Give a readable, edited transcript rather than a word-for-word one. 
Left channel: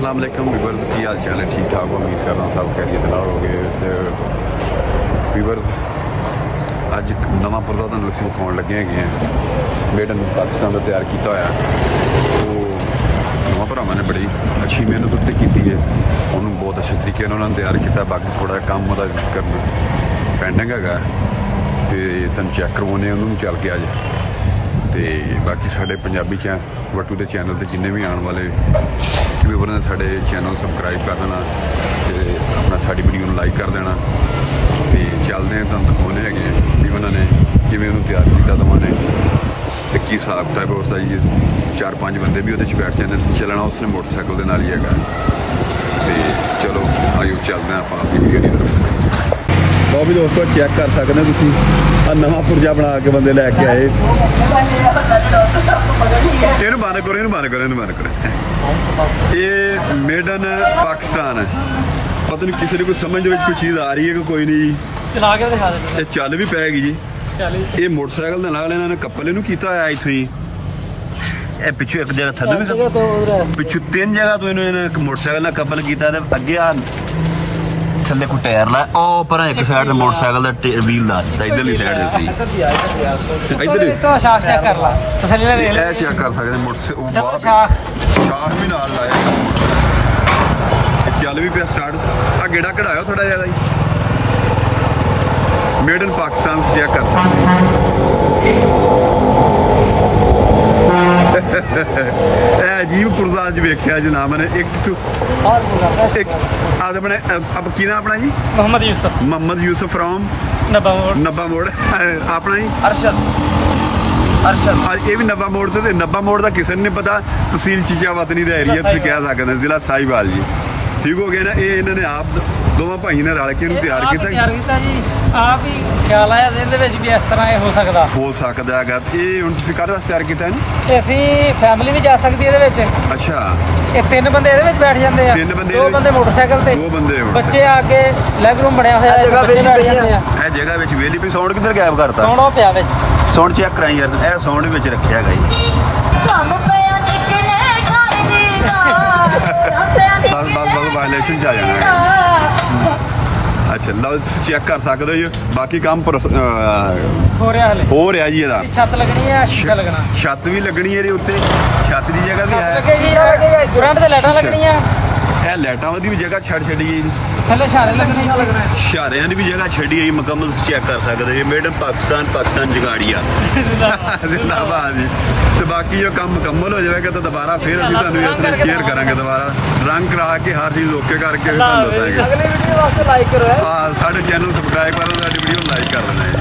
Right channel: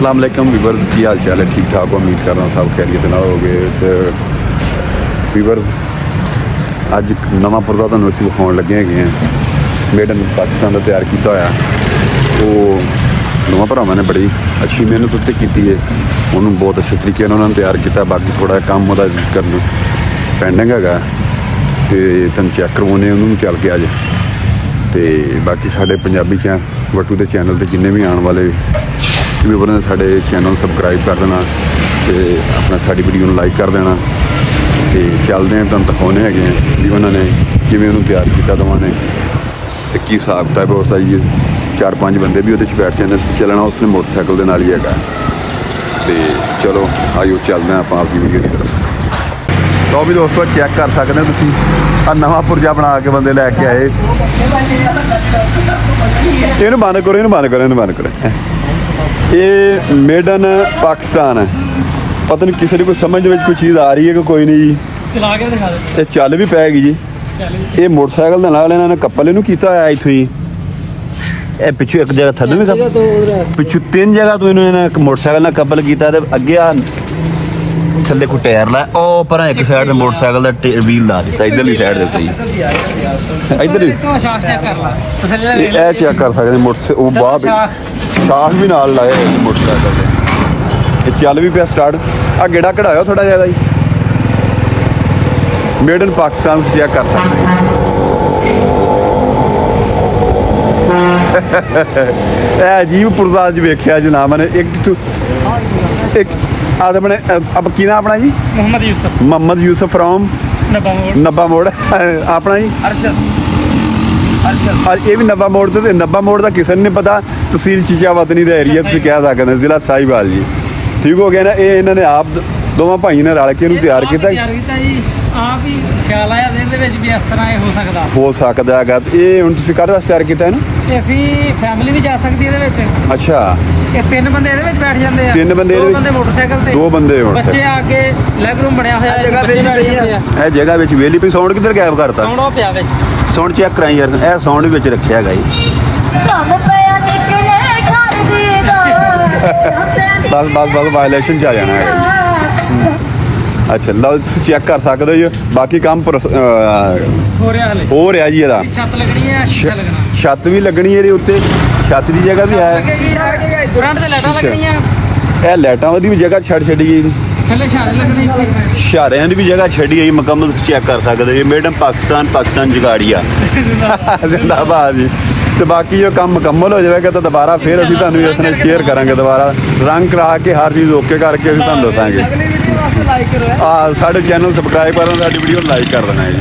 अस्सलाम वालेकुम वीवर्स, की हाल चाल है? ठीक ठाक हो, उम्मीद कर रहा हूँ सब खैरियत ना हो गए। तो वीवर्स अज नवा पुरदा तुहानूं असीं विखाउण लगे हैं मेड इन पाकिस्तान का तैयार किया होया। वो दोवां भरावां ने बड़ी अच्छी मेहनत उत्ते कीती है, उन्होंने बहुत अच्छे तरीके उन्होंने तैयार किया। बाकी थोड़ा काम वह करना पेंडिंग है, तो तुम चैक करवाने उन्होंने चल के अज। तो बाकी साढ़े पंजाबी वटू के चैनल से जिन्हें भी आने वाले व्यूवर ने साढ़े चैनल सबसक्राइब कर देना, तो अपना साड़ी वीडियो को लाइक कर देना। तो चलते हैं तुम दिखाने है भी उन्होंने किमें उन्होंने तैयार किया दोवां ने, तो की हिसाब किताब है उसका जी। 4-5 बंदे भी वो बैठ जाते, चलना उसने मोटरसाइकिल के नाल ही है। तो चलो आइयो चलते हैं आप आपकी वीडियो की तरफ। तो भी दोस्तों चेक कर सकते हैं तुम नवा पुरजा बना के बंदे लैके आए। इन बंद करो, इन बंद करो, इन बंद करो। ये मेड इन पाकिस्तान है। पता नहीं किसी कोई समझ में कोई चीज़ आ रही है कि कोई नहीं जी। चला के दिखा दे। ये चल भी पैगी जी। ये मोटरसाइकिल के नाल इन्होंने कपल इनू किया होया इत्थों ही। पिछू एक जगह थदू भी पिछू 3 जगह तो इन्होंने मोटरसाइकिल ने कपल किया। अगे थले को टायर ला पर एक साइड से मोटरसाइकिल का व्हील ला दिता, इधरली साइड से इधर चेक कर सकते मोटरसाइकिल बाह शाख भी नाल लाए मोटरसाइकिल। चल भी पिया स्टार्ट। आ गेड़ा कढ़ाया थोड़ा ज्यादा ही। मेड इन पाकिस्तान चेक कर सकते अजीब पुरजा अज वेख्या जनाब मैंने। एक अपने अब की ना अपना जी मोहम्मद यूसुफ फ्रॉम नब्बा मोड़ अपना जी अरशद। ये भी नब्बा मोड़ तो नब्बा मोड़ का किसी नहीं पता। तहसील चीचावतनी का एरिया तुम कह सकते हैं, जिला साहिवाल जी। ठीक हो गया ना। ये इन्होंने आप दोवां भाई ने रल के तैयार किया। हो सकता है। ये हुण तुसीं काहदे वास्ते तैयार किया है ना? फैमिली भी जा सकती है। अच्छा, 3 बंदे बैठ जाते हैं। 3 बंदे मोटरसाइकिल, 2 बंदे बच्चे आके लेग रूम बनया होया है। जगह वेली पे साउंड किधर गायब करता? साउंड चेक कराई यार, ए साउंड भी रखा है। बस बस बस वायलेशन च आ जाना है। अच्छा लो चेक कर सकते हो। बाकी काम हो रहा जी। छत भी लगनी है उत्ते, छत की जगह भी है। लाइटा की भी जगह छड़ छड़ी गई, शारियां की भी जगह छड़ी गई मुकम्मल। चेक कर सकते हो। मेड इन पाकिस्तान, पाकिस्तान जगाड़िया जिंदाबाद जी। तो बाकी जो काम मुकम्मल हो जाएगा तो दोबारा फिर अभी तुहानूं इसने शेयर करांगे, दोबारा रंग करा के हर चीज़ ओके करके तुहानूं दसांगे। साडे चैनल सबसक्राइब करना, साडी वीडियो लाइक कर देना है।